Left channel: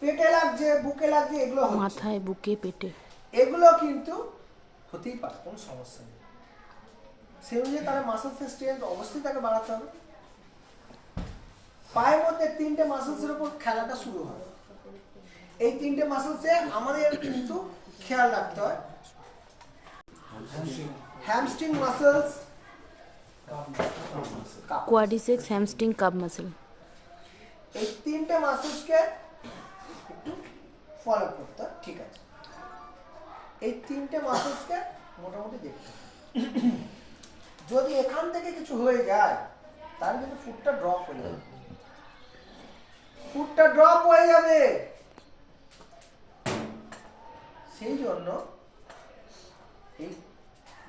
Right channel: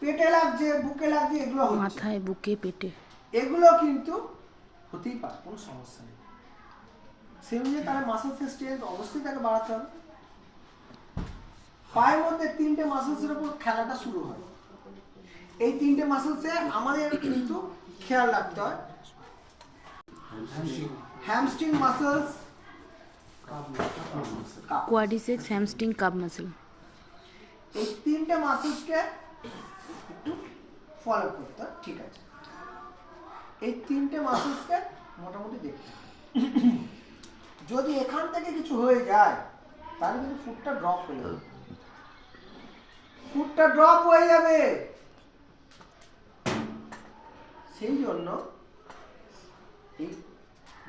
পেটে লাগছে, বুকে লাগছে, এগুলো হচ্ছে মাথায়, বুকে, পেটে, এগুলো কিন্তু হতেই পারে, কোনো সমস্যা নেই। সেই অনুযায়ী তার মাসেলসের স্ট্রেংথ অবশ্যই তাকে বাড়াতে হবে। পায়ের মধ্যে 3টে মাসেলসের উপর খেলাটা শুরু হয়। এই 3টে মাসেলসে আমাদের কিন্তু খেয়াল রাখতে হয়। Hamstring muscles, quadriceps, hamstring, cup muscle. এই 3টে মাসেলসকে একটু ফলো করতে হয়, ঠিক আছে? এই 3টে মাসেলসকে মোটামুটি দেখতে হবে। যদি এখান থেকে কিছু হয়ে যায় তাহলে কিন্তু ফুটটা ড্রপ হয়ে যাবে, ফুটটা ড্রপ হয়ে যাবে। সেই জন্য এই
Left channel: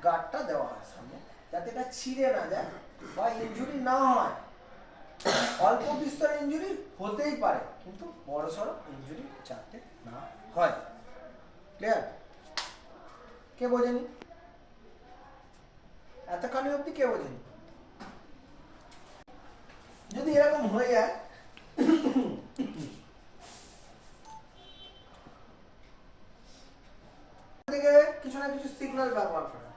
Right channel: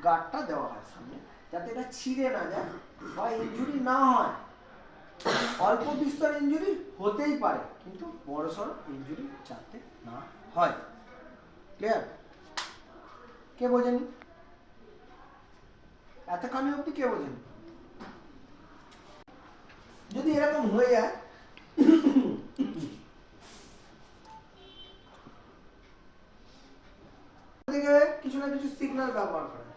গার্ডটা দেওয়া হয় সামনে, যাতে এটা ছিঁড়ে না যায় বা ইনজুরি না হয়। অল্প বিস্তর ইনজুরি হতেই পারে, কিন্তু বড়সড় ইনজুরি যাতে না হয়। ক্লিয়ার? কে বোঝেনি? এতখানি অবধি কে বোঝেনি? যদি এরকম হয়ে যায়, কিছু না কিছু সিগন্যাল ব্যবহার করে।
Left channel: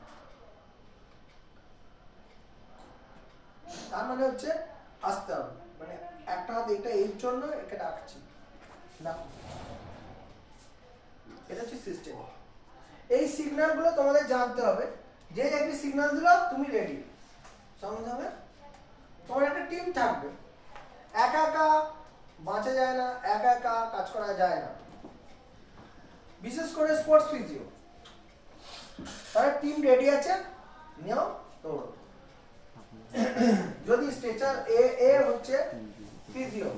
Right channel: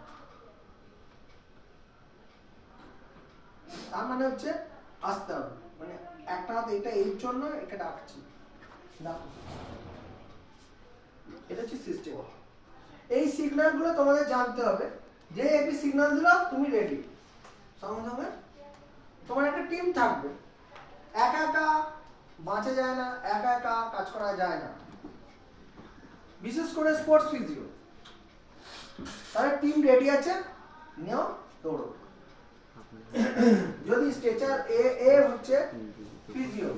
তার মানে হচ্ছে আসতে হবে, মানে একটা হাত এটা এই জন্য একে ডাকছি, ডাকো। এটা হচ্ছে সিস্টেম। এই সিগন্যালগুলো তোমাদের জানতে হবে। যেই একটি সিগন্যাল দিল তুমি রেডি। সঙ্গে সঙ্গে তোমার একটা টিম থাকবে। একা একা বাঁচা যায় না, একা একা কাজ করা যায় না, বিশেষ করে স্পোর্টস ফিজিও। তারা টিম রেডি আছে, নিও দৌড়ো। যদি স্ট্রেচার এ হচ্ছে ফিজিও,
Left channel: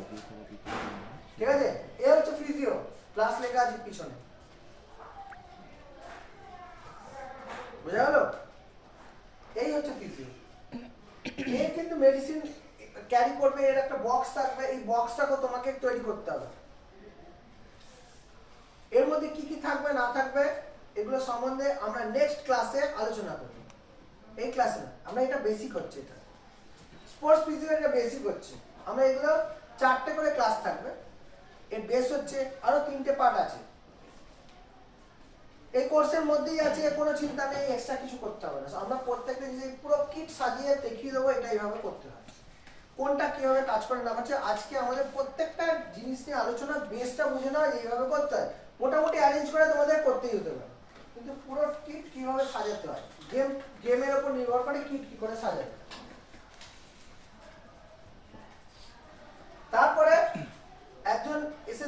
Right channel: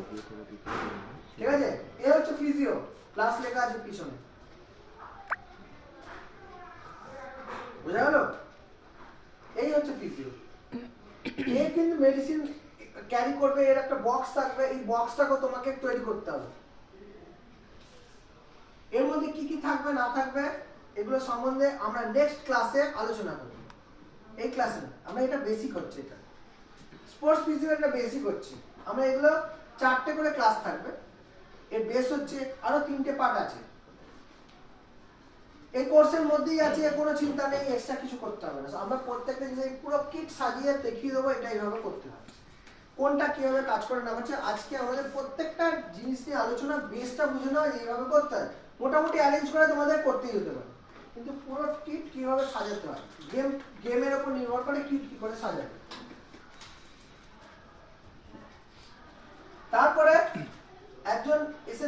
ঠিক আছে? এ হচ্ছে ফিজিও, ক্লাস লেখা আছে পিছনে, বুঝা গেল? এই হচ্ছে ফিজিও। এ কিন্তু মেডিসিন ক্যারি করবে, এর একটা বক্স থাকবে, এই বক্সটাকে তোমাকে তৈরি করতে হবে। এর মধ্যে কি কি থাকবে না থাকবে এগুলো সম্বন্ধে আমরা নেক্সট ক্লাসে আলোচনা করব। এই ক্লাসে না, আমরা এটা বেসিক হচ্ছে, এটা স্পোর্টস ফিজিও, এটা বেসিক হচ্ছে। আমরা এগুলো 4টে করে ক্লাস থাকবে। এর বেস হচ্ছে আরো 3টে পার্ট আছে। এই কোর্সের মধ্যেই আছে, কোনো চিন্তা নেই, এক্সট্রা কিছু করতে হবে না। আমরা প্রত্যেকটা জিনিস পুরো কিট সাজিয়ে দেখিয়ে দেবো, এটা এইভাবে করতে হবে, কোনটা কিভাবে কাজ করে না করছে। আজকে আমাদের প্রত্যেকটা জিনিস নিয়ে আলোচনা, বেসটা বুঝে নেওয়া, এইভাবে করতে হয়। মোটামুটি অ্যারেঞ্জ করে তোমাদের করতেই হতে পারে, কিন্তু পুরো কিট কিভাবে সাজাতে হয়, গেমের উপর নির্ভর করে কিট কি করে সাজাবে। তারপরে একজন এসে